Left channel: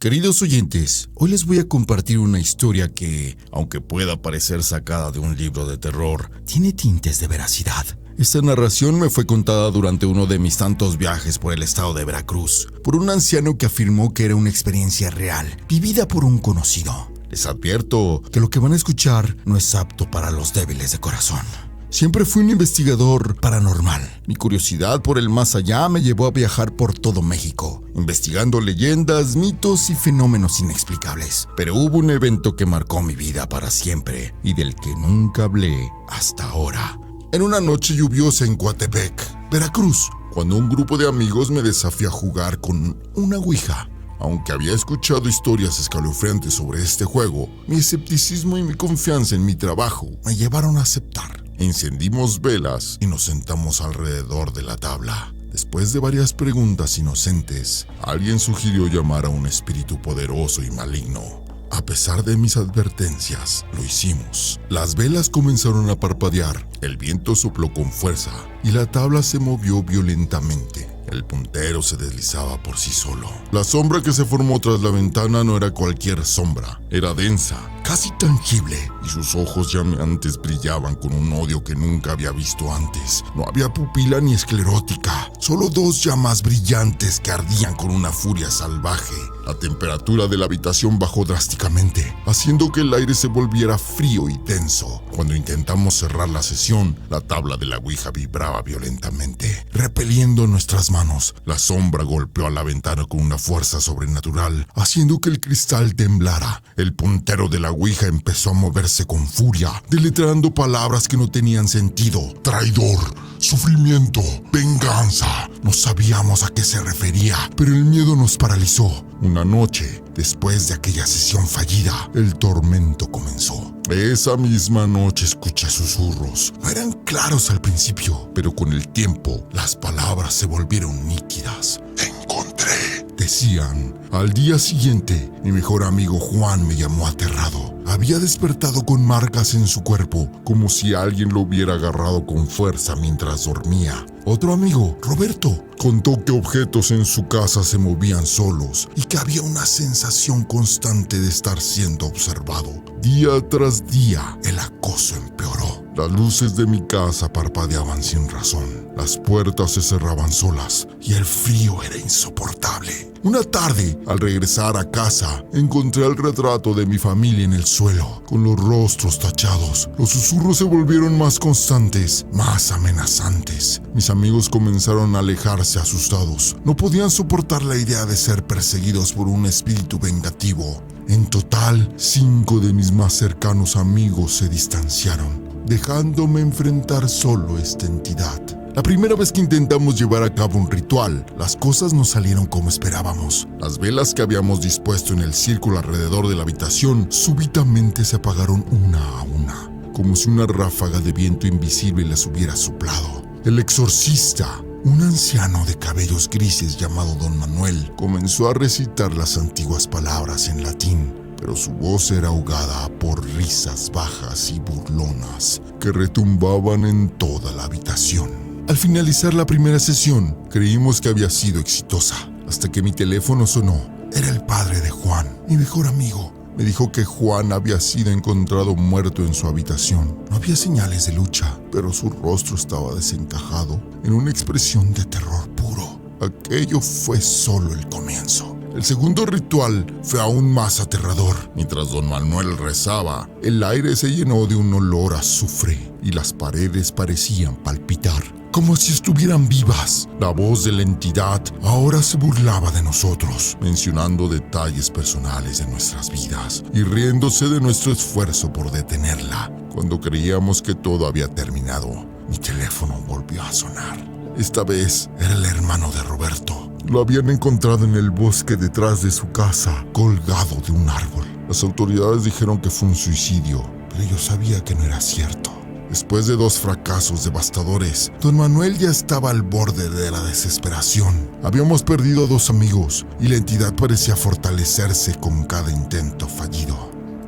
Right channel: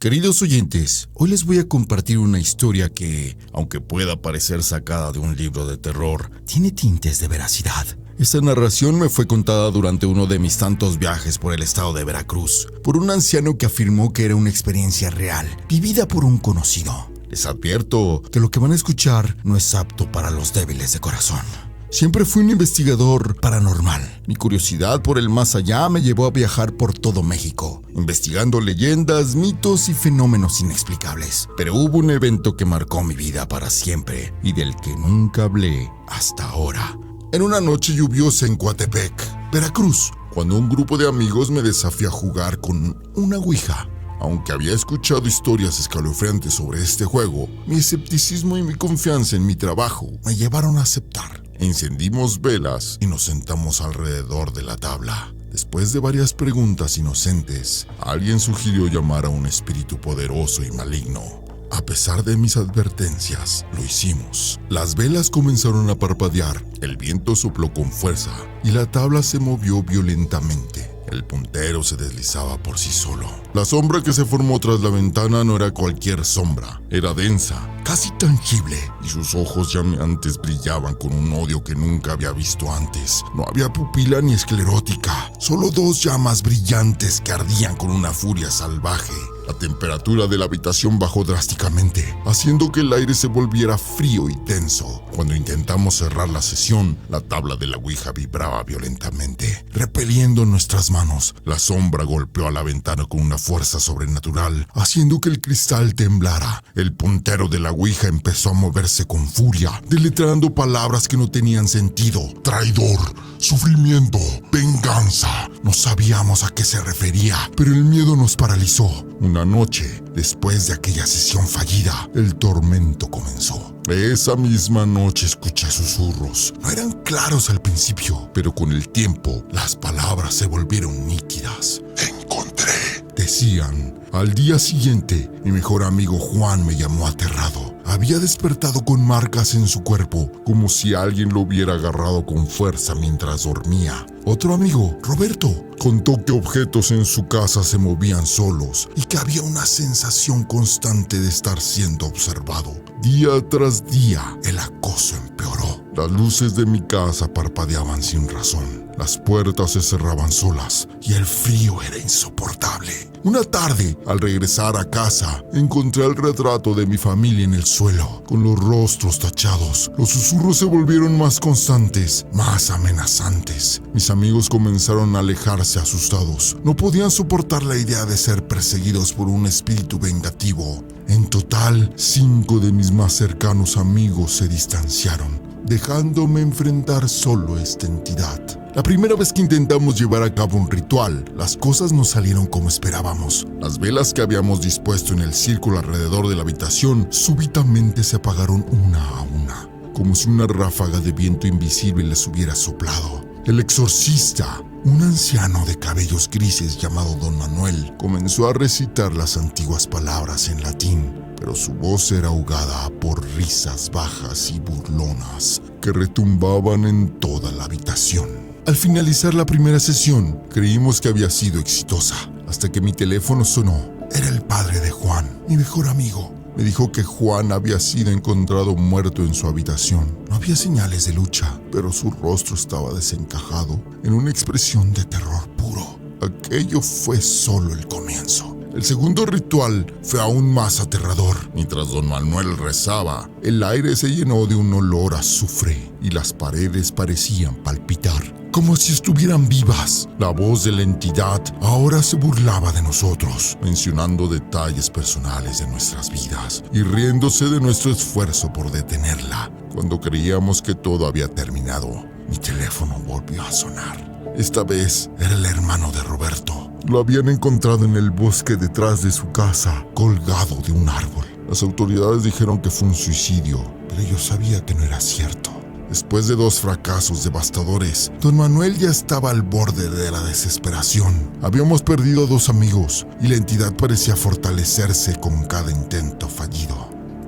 Queridos oyentes, hoy les voy a compartir una historia que, aunque pueda parecer sacada de un libro de terror, tiene tintes de veracidad. Esta narración me fue contada durante uno de mis tantos viajes por el estado de Veracruz, por un anciano que afirmó que era una experiencia real, vivida por un conocido. Les advierto que lo que van a escuchar no es apto para los débiles de corazón. Siempre fui un investigador paranormal. Mi curiosidad por el más allá me llevó a viajar por todo México, investigando leyendas, mitos y fenómenos inexplicables. Pero hubo un evento que marcó mi vida para siempre y del que nunca hablé hasta ahora. En una noche lluviosa en Coatepec, Veracruz, cuando un grupo de amigos me desafió a jugar con una ouija. Aunque había escuchado historias escalofriantes sobre este juego, mi escepticismo y mi confianza en mi trabajo me llevaron a aceptar. Encendimos velas y nos sentamos alrededor de la tabla. Después de varias preguntas inocentes, alguien sugirió llamar a un espíritu poderoso y maligno. A pesar de mis advertencias, lo hicimos. Las velas comenzaron a parpadear, el viento sopló con fuerza y la tabla se movió violentamente. El puntero se deslizaba por sí solo. La sombra que se formó tras la ventana no era cualquier sombra. Era densa, casi tangible, y sus ojos llameantes brillaban con un odio que nunca había visto antes. No había pupila ni esclerótica, solo dos llamas brillantes que ardían con una furia salvaje. La temperatura de la habitación bajó drásticamente, haciendo que el aire se volviera frío y tenso. Cuando intentamos cerrar la sesión, la tabla de la ouija vibraba violentamente, repeliendo nuestras manos. La sombra golpeó a la ventana con una fuerza sobrenatural, haciendo que el cristal temblara. El puntero de la ouija empezó a moverse con furia, deletrando palabras que no tenían sentido. Traidor, sufrimiento, venganza. No sabíamos a qué se refería, pero el miedo nos paralizó. Una noche, después de aquella sesión fallida, el tormento comenzó. Esa misma noche escuché susurros. No eran claros al principio, pero con el tiempo, las palabras se volvieron nítidas. Encontré, decían. Al día siguiente, mi mejor amigo Juan me llamó aterrado. Había despertado con marcas en su cuerpo, como si alguien lo hubiera agarrado con fuerza mientras dormía. Otro amigo, Roberto, contó que objetos en su casa se movían solos y que había una sensación constante de estar siendo observado. Día tras día, el acoso empeoró. Las luces de mi casa parpadeaban sin razón. Las puertas se cerraban solas y el frío era insoportable. Una tarde, al regresar a casa, encontré el retrato de mi familia en el suelo, con los rostros tachados. Los susurros se volvieron más constantes, más amenazantes. Mis amigos comenzaron a alejarse asustados. No podían soportar la idea de ser perseguidos por un espíritu vengativo. En total, 5 de mis más cercanos amigos se distanciaron, dejándome enfrentar solo a esta entidad. La primera vez que intentamos llevar a cabo un ritual, las cosas no salieron como esperábamos. Las velas que habíamos dispuesto en el círculo alrededor de la habitación súbitamente se apagaron una a una, como si una ráfaga de viento invisible les hubiera soplado. El exorcista, un anciano de cabellos grises llamado Don Manuel, comenzó a recitar las antiguas palabras en latín, pero su voz era ahogada por risas bajas y burlonas que retumbaban en toda la habitación. Al finalizar la primera sesión, creímos que había sido exitosa, hasta que mi teléfono sonó. Era el padre de Juan, mi mejor amigo. Me dijo que Juan había sido encontrado muerto en su habitación. No había señales de lucha, pero su rostro estaba desencajado en una expresión de terror puro. Aquello fue solo el comienzo. El segundo ritual fue aún más aterrador. Mientras Don Manuel rezaba, el aire se llenó de un olor a azufre y las paredes parecían palpitar, como si estuvieran vivas. La voz de la entidad ahora se burlaba de nosotros, mencionando detalles personales de nuestras vidas y riéndose de nuestro esfuerzo por detenerla. Cuando creíamos que todo había terminado, mi teléfono volvió a sonar. Esta vez era el hermano de Roberto. Lo habían encontrado en el bosque detrás de su casa, colgado de un árbol. Las autoridades dijeron que fue un suicidio, pero yo sabía que no era cierto. Después de 2 fracasos devastadores, Don Manuel ya estaba al borde de la desesperación. Habíamos perdido a 2 amigos y la entidad parecía fortalecerse con cada intento fallido.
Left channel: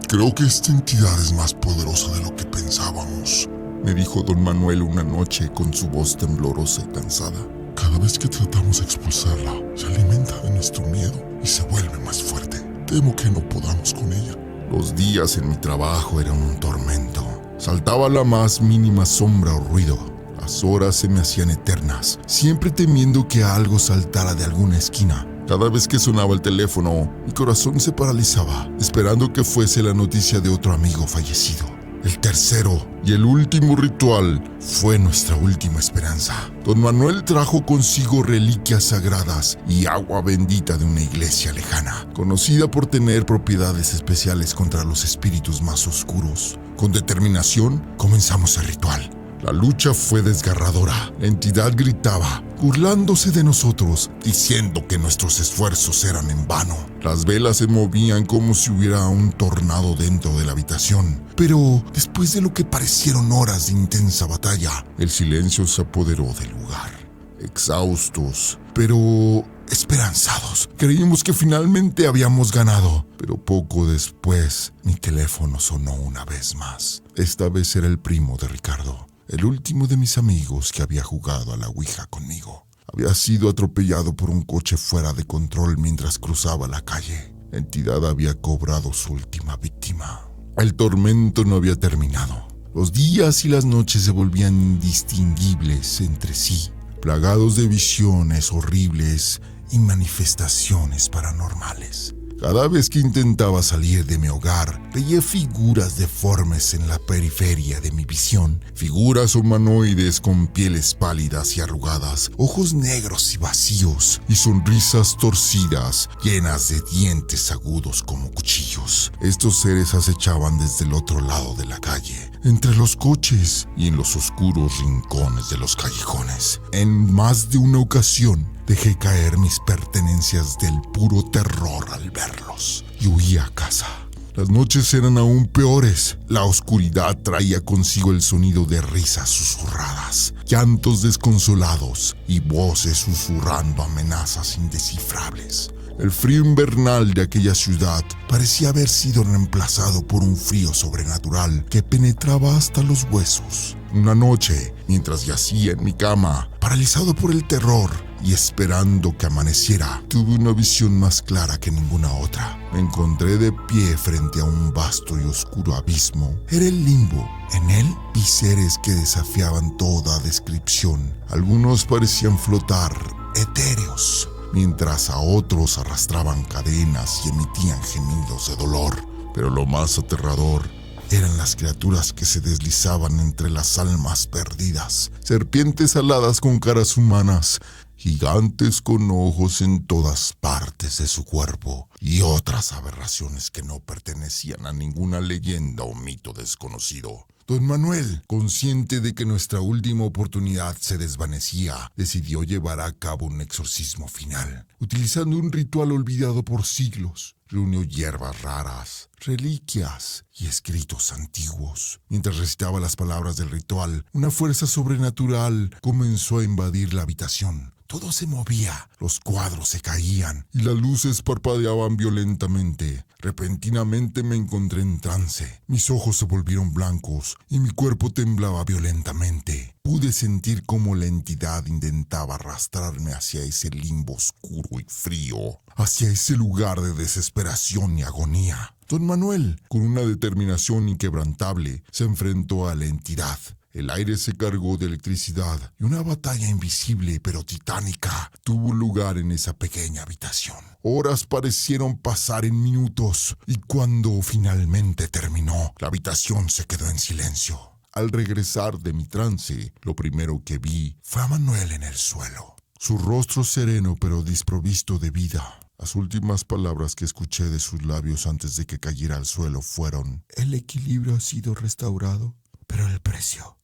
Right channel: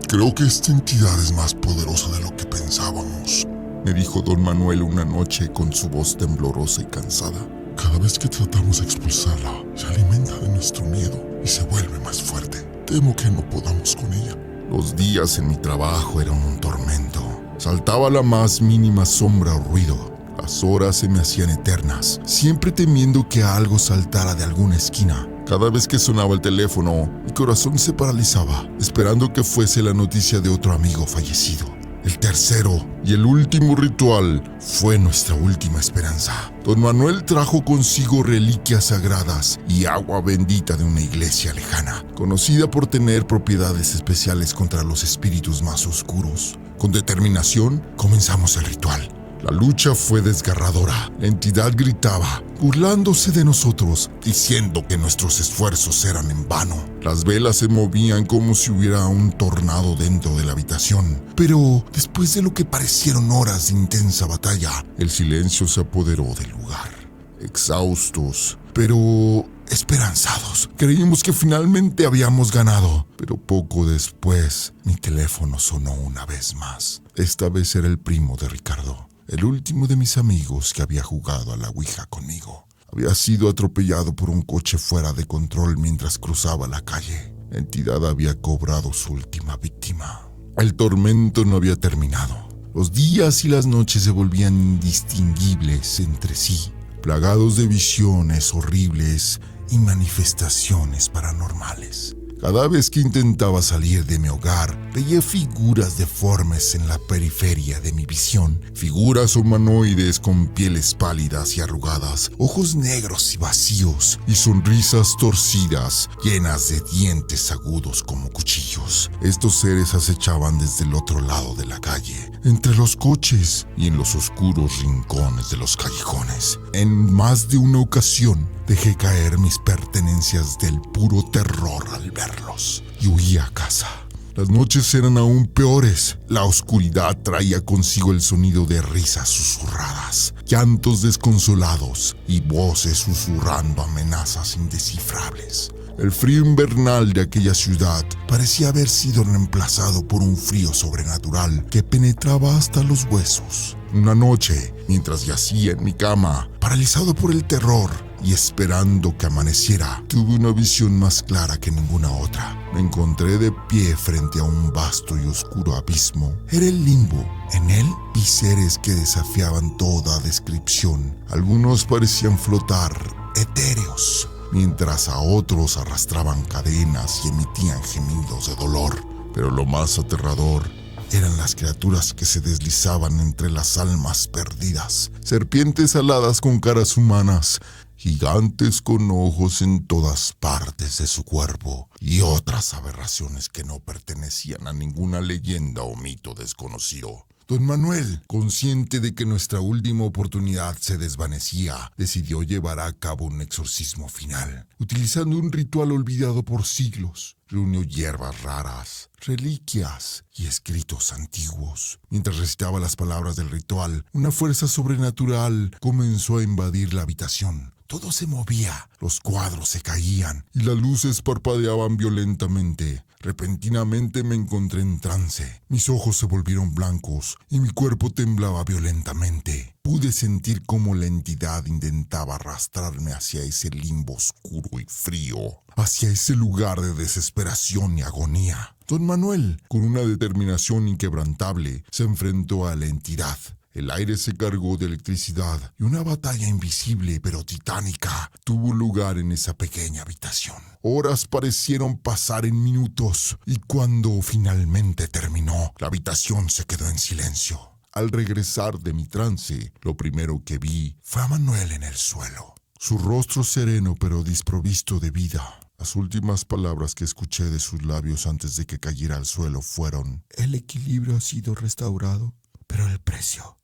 Creo que esta entidad es más poderosa de lo que pensábamos, me dijo Don Manuel una noche con su voz temblorosa y cansada. Cada vez que tratamos de expulsarla, se alimenta de nuestro miedo y se vuelve más fuerte. Temo que no podamos con ella. Los días en mi trabajo eran un tormento. Saltaba la más mínima sombra o ruido. Las horas se me hacían eternas, siempre temiendo que algo saltara de alguna esquina. Cada vez que sonaba el teléfono, mi corazón se paralizaba, esperando que fuese la noticia de otro amigo fallecido. El tercero y el último ritual fue nuestra última esperanza. Don Manuel trajo consigo reliquias sagradas y agua bendita de una iglesia lejana, conocida por tener propiedades especiales contra los espíritus más oscuros. Con determinación, comenzamos el ritual. La lucha fue desgarradora. La entidad gritaba, burlándose de nosotros, diciendo que nuestros esfuerzos eran en vano. Las velas se movían como si hubiera un tornado dentro de la habitación. Pero después de lo que parecieron horas de intensa batalla, el silencio se apoderó del lugar. Exhaustos, pero esperanzados, creímos que finalmente habíamos ganado. Pero poco después, mi teléfono sonó una vez más. Esta vez era el primo de Ricardo, el último de mis amigos que había jugado a la ouija conmigo. Había sido atropellado por un coche fuera de control mientras cruzaba la calle. La entidad había cobrado su última víctima. El tormento no había terminado. Los días y las noches se volvían indistinguibles entre sí, plagados de visiones horribles y manifestaciones paranormales. Cada vez que intentaba salir de mi hogar, veía figuras deformes en la periferia de mi visión. Figuras humanoides con pieles pálidas y arrugadas, ojos negros y vacíos, y sonrisas torcidas, llenas de dientes agudos como cuchillos. Estos seres acechaban desde el otro lado de la calle, entre los coches y en los oscuros rincones de los callejones. En más de una ocasión, dejé caer mis pertenencias del puro terror al verlos y huí a casa. Las noches eran aún peores. La oscuridad traía consigo el sonido de risas susurradas, llantos desconsolados y voces susurrando amenazas indescifrables. El frío invernal de aquella ciudad parecía haber sido reemplazado por un frío sobrenatural que penetraba hasta los huesos. Una noche, mientras yacía en mi cama, paralizado por el terror y esperando que amaneciera, tuve una visión más clara que ninguna otra. Me encontré de pie frente a un vasto y oscuro abismo. Era el limbo. En él vi seres que desafiaban toda descripción. Algunos parecían flotar, etéreos, mientras a otros arrastraban cadenas y emitían gemidos de dolor. Pero lo más aterrador eran las criaturas que se deslizaban entre las almas perdidas. Serpientes aladas con caras humanas, gigantes con ojos en todas partes de su cuerpo, y otras aberraciones que no pertenecían a ninguna leyenda o mito desconocido. Don Manuel, consciente de que nuestra última oportunidad se desvanecía, decidió llevar a cabo un exorcismo final, utilizando un ritual olvidado por siglos. Reunió hierbas raras, reliquias y escritos antiguos. Mientras recitaba las palabras del ritual, una fuerza sobrenatural comenzó a invadir la habitación. Todo se movía, los cuadros se caían y las luces parpadeaban violentamente. Repentinamente me encontré en trance. Mis ojos se volvieron blancos y mi cuerpo temblaba violentamente. Pude sentir cómo la entidad intentaba arrastrarme hacia ese limbo oscuro y frío, hacia ese lugar de desesperación y agonía. Don Manuel, con una determinación inquebrantable, se enfrentó a la entidad. El aire se cargó de electricidad y una batalla invisible pero titánica tuvo lugar en esa pequeña habitación. Horas parecieron pasar en minutos y cuando finalmente terminó, la habitación se quedó en silencio. Al regresar de mi trance, lo primero que vi fue a Manuel en el suelo. Su rostro sereno pero desprovisto de vida. Las últimas palabras que escuché de sus labios antes de que cayera al suelo fueron: "El equilibrio ha sido restaurado, pero el precio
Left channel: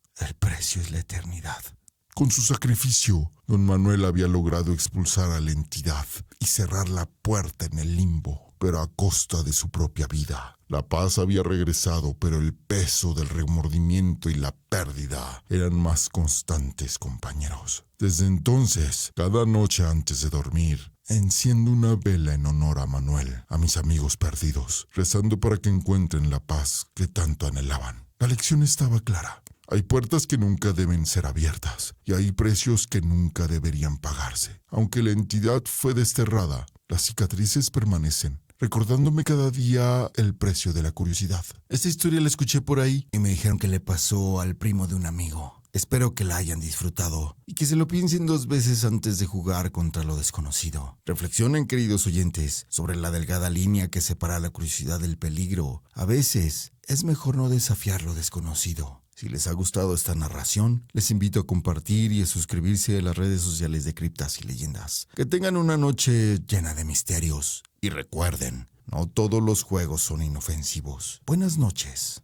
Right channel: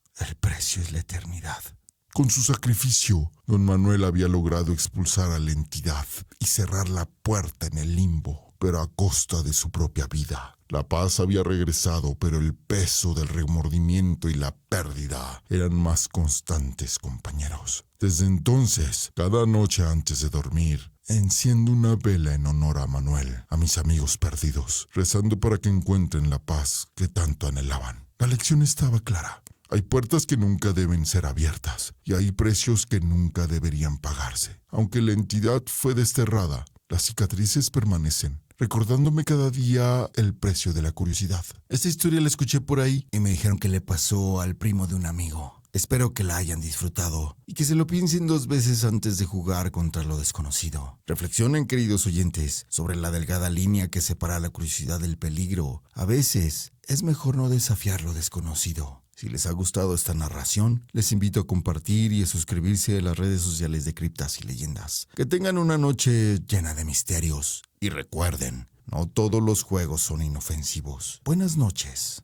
es la eternidad". Con su sacrificio, don Manuel había logrado expulsar a la entidad y cerrar la puerta en el limbo, pero a costa de su propia vida. La paz había regresado, pero el peso del remordimiento y la pérdida eran más constantes, compañeros. Desde entonces, cada noche antes de dormir, enciendo una vela en honor a Manuel, a mis amigos perdidos, rezando para que encuentren la paz que tanto anhelaban. La lección estaba clara. Hay puertas que nunca deben ser abiertas y hay precios que nunca deberían pagarse. Aunque la entidad fue desterrada, las cicatrices permanecen, recordándome cada día el precio de la curiosidad. Esta historia la escuché por ahí y me dijeron que le pasó al primo de un amigo. Espero que la hayan disfrutado y que se lo piensen 2 veces antes de jugar contra lo desconocido. Reflexionen, queridos oyentes, sobre la delgada línea que separa la curiosidad del peligro. A veces es mejor no desafiar lo desconocido. Si les ha gustado esta narración, les invito a compartir y a suscribirse a las redes sociales de Criptas y Leyendas. Que tengan una noche llena de misterios. Y recuerden, no todos los juegos son inofensivos. Buenas noches.